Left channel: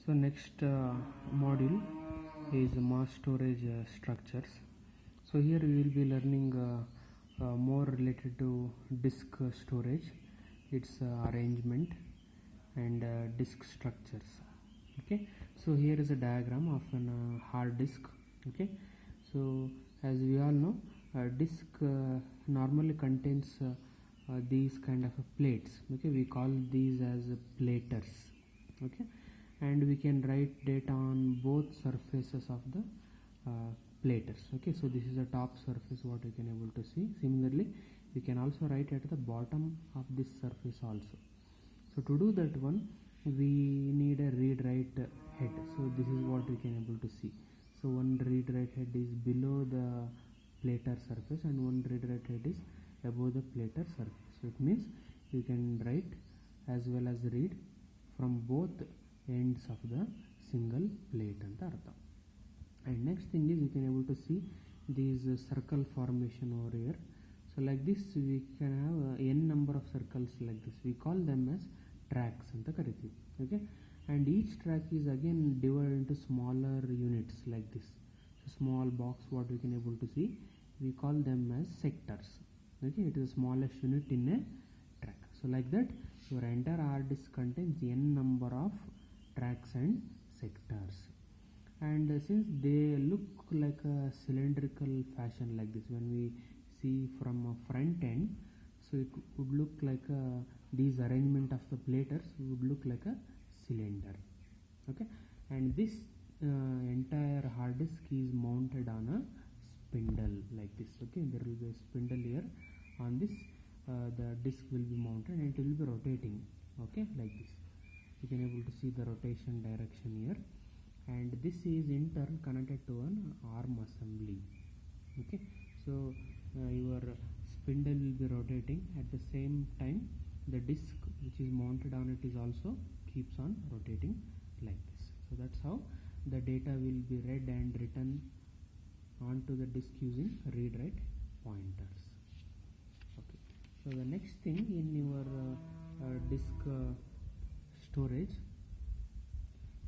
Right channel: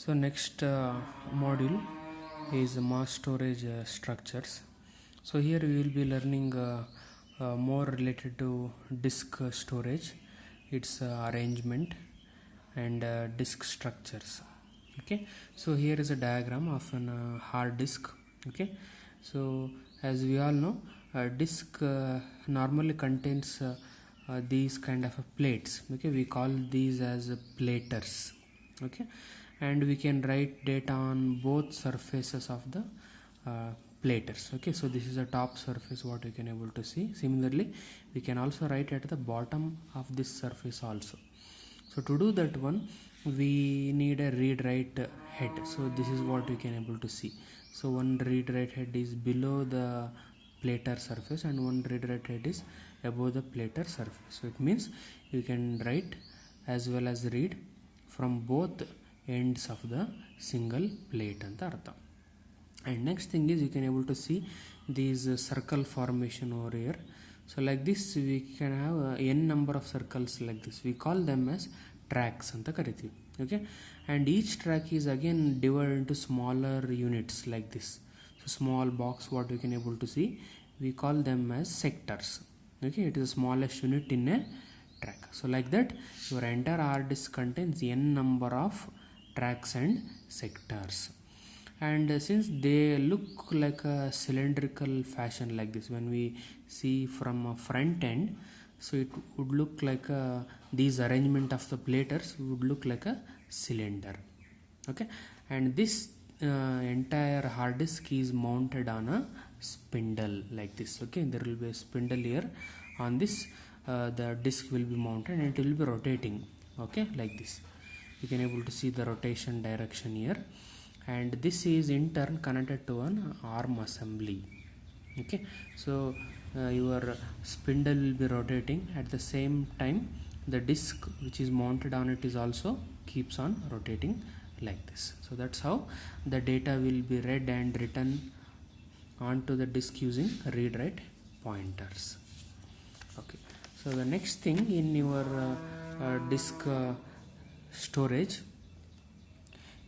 So next module is mass storage structures. So here we will be learning more related to disk storage, its arrangement and disk structures. Okay, so here is a diagram of an hard disk. Okay, so as we all know, a disk normally contains these kind of plates. Okay, we call these as platers. Okay, and we can write data on both surfaces of the platers. Okay, so this is a top surface what you can able to see. Similarly, we can also write at the bottom of this surface also. So to do that one, we need a read write head. So this is what we can able to see. So one read write head is below the plater surface and one read write head is above the plater surface. So it means you can write as well as read from both ends of the single plate anta artha. And next thing is you can able to see these circle formation over here. So like this we can have n number of circles like this. We call them as tracks anta karitivi. Okay, and each track is again divided into smaller units like this. So small box what we can able to see, we call them as sectors. Okay, it is the smallest unit in a track. So like that your entire hard disk contains n number of tracks and sectors. And since they look like a cylindrical fashion like this, when we see from a front end, so it would look like these arrangement of the platers would look like a cylinder. Okay, and this entire hard disk is mounted on a spindle like this. Okay, there will be a spindle here. On this the disk will be mounted and it will be rotating. Okay, like this you can able to see the rotation direction here, and this is in turn connected to an arm assembly. Okay, so your spindle will be rotating at the same time the disk which is mounted on it is also keeps on rotating like this. So that's how the data will be read and written onto the disk using read write pointers. Okay, so the next thing in your disk storage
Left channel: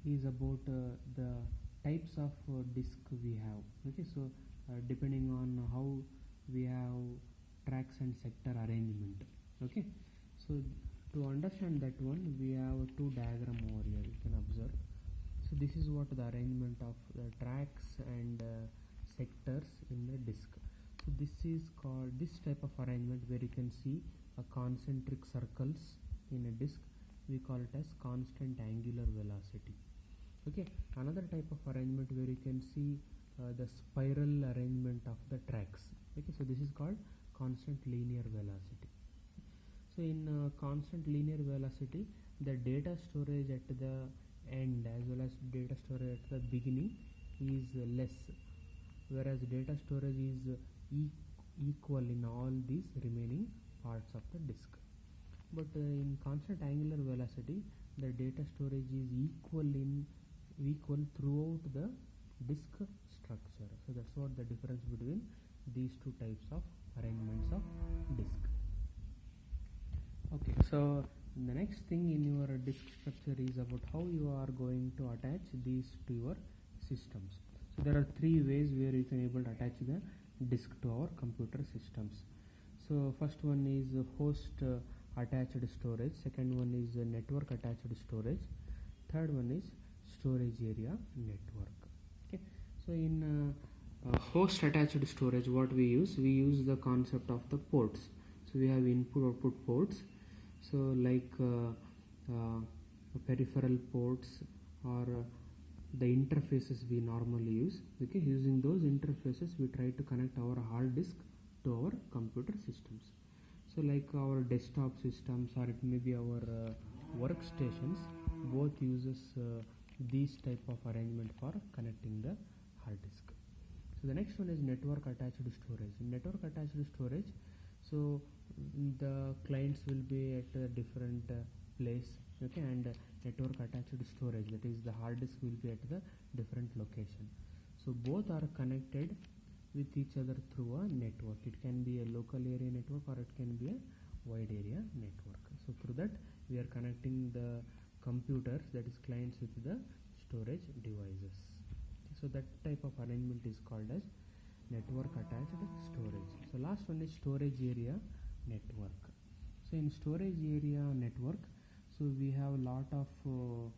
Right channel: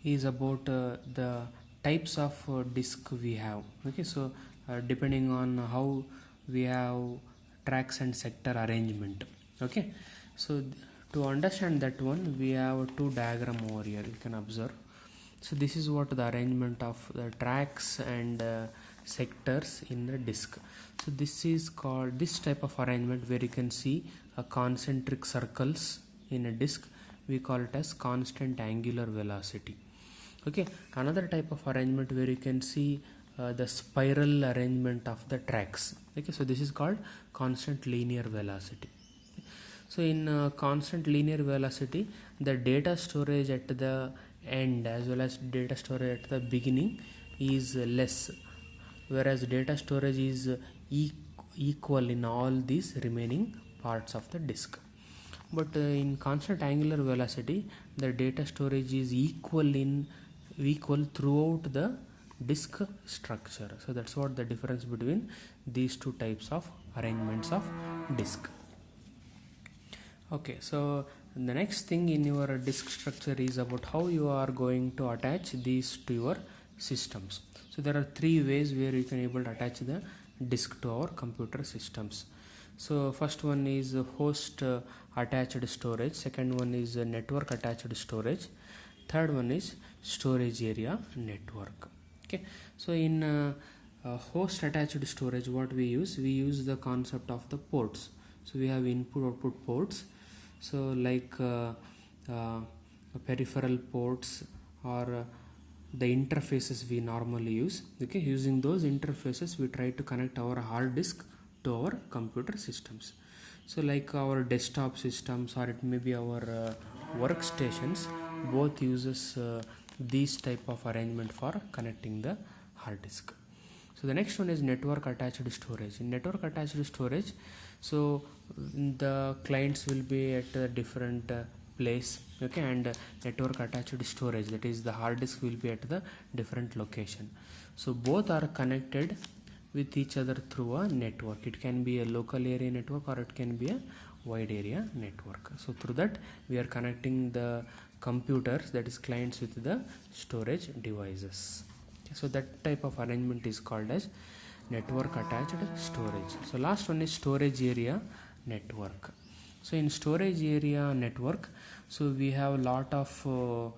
is about the types of disk we have. Okay, so depending on how we have tracks and sector arrangement. Okay, so to understand that one we have two diagram over here you can observe. So this is what the arrangement of the tracks and sectors in the disk. So this is called, this type of arrangement where you can see a concentric circles in a disk, we call it as constant angular velocity. Okay, another type of arrangement where you can see the spiral arrangement of the tracks. Okay, so this is called constant linear velocity. So in constant linear velocity, the data storage at the end as well as data storage at the beginning is less, whereas data storage is equal in all these remaining parts of the disk. But in constant angular velocity, the data storage is equal throughout the disk structure. So that's what the difference between these two types of arrangements of disk. Okay, so the next thing in your disk structure is about how you are going to attach these to your systems. So there are three ways where you can able to attach the disk to our computer systems. So first one is host attached storage, second one is network attached storage, third one is storage area network. Okay, so in host attached storage what we use the concept of the ports. So we have input output ports, so like peripheral ports or the interfaces we normally use. Okay, using those interfaces we try to connect our hard disk to our computer systems. So like our desktop systems or it may be our workstations, both uses these type of arrangement for connecting the hard disk. So the next one is network attached storage. In network attached storage, so the clients will be at a different place. Okay, and network attached storage, that is the hard disk, will be at the different location. So both are connected with each other through a network. It can be a local area network or it can be a wide area network. So through that we are connecting the computers, that is clients with the storage devices. Okay, so that type of arrangement is called as network attached storage. So last one is storage area network. So in storage area network, so we have a lot of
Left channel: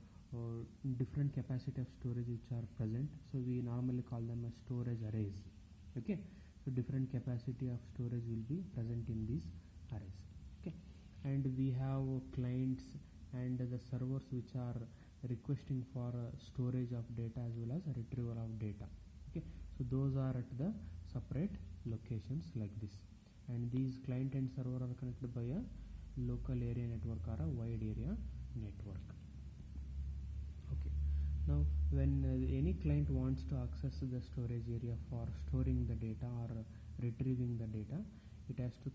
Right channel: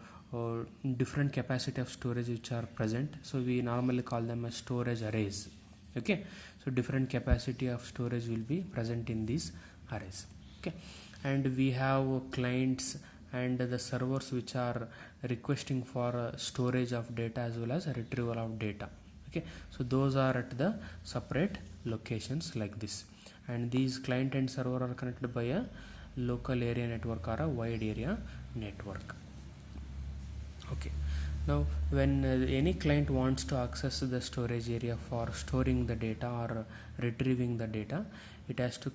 different capacity of storage which are present. So we normally call them as storage arrays. Okay, so different capacity of storage will be present in these arrays. Okay, and we have clients and the servers which are requesting for storage of data as well as retrieval of data. Okay, so those are at the separate locations like this, and these client and server are connected by a local area network or a wide area network. Okay, now when any client wants to access the storage area for storing the data or retrieving the data, it has to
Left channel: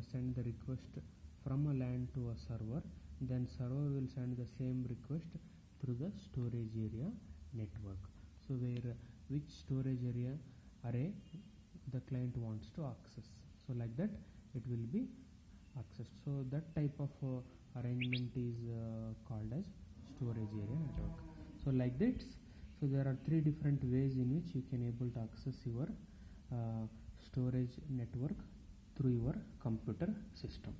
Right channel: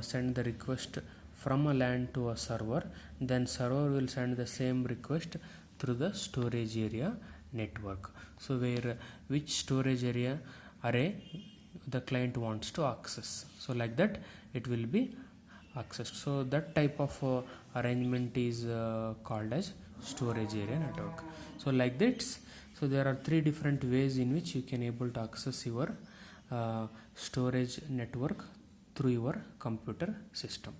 send the request from a LAN to a server. Then server will send the same request through the storage area network. So where which storage area array the client wants to access, so like that it will be accessed. So that type of arrangement is called as storage area network. So like this, so there are three different ways in which you can able to access your storage network through your computer system.